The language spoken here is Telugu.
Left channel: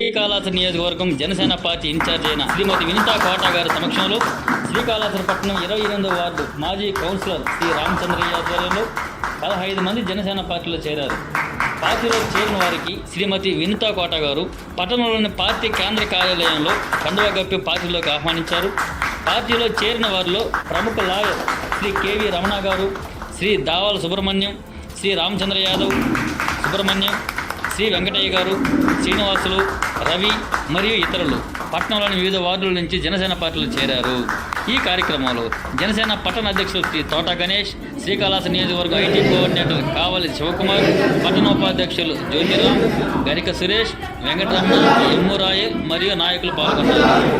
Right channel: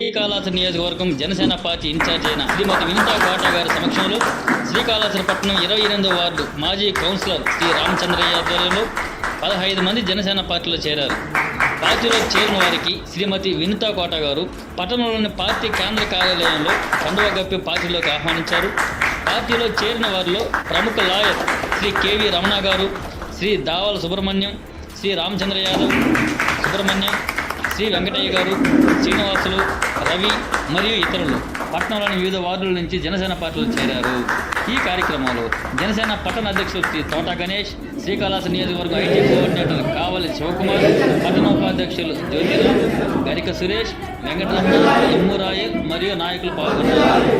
శ్రీకాళహస్తి నియోజకవర్గం జనసేన పార్టీ ఇన్ఛార్జ్ అయిన శ్రీమతి వినితా కోట గారి సమక్షంలో శ్రీకాళహస్తి పట్టణం ఇరవై ఎనిమిదో వార్డు మాజీ కౌన్సిలర్ శ్రీ రామచంద్రయ్య ఆధ్వర్యంలో పదహైదు మంది జనసేన పార్టీలో చేరారు. పార్టీలో చేరిన వారికి శ్రీమతి వినితా కోట గారు పట్టణంలోని పార్టీ కేంద్ర కార్యాలయంలో కండువ గప్పి పార్టీలోకి ఆహ్వానించారు. పార్టీలో చేరిన వారిలో ప్రముఖ లాయర్ శ్రీ కేవి రమణ గారు శ్రీ దావాల సుబ్రహ్మణ్యం శ్రీ రామచంద్ర యాదవ్ సుబ్రహ్మణ్యం శ్రీ వెంకటయ్య గారు శ్రీనివాసులు రవి మరియు ఇతరులు పట్టణంలోని వివిధ వార్డుల నుంచి జనసేన పార్టీలో చేరారు. ఈ కార్యక్రమంలో జనసేన పట్టణ అధ్యక్షులు శ్రీ తోట గణేష్ శ్రీకాళహస్తి నియోజకవర్గం ఐటీ కోఆర్డినేటర్ కావలి శివకుమార్ పట్టణ ఉపాధ్యక్షులు జ్యోతిరామ్ గరిక సురేష్ వెంకటరమణ ఎమ్మురాయల్ మరియు నాయకులు పాల్గొన్నారు.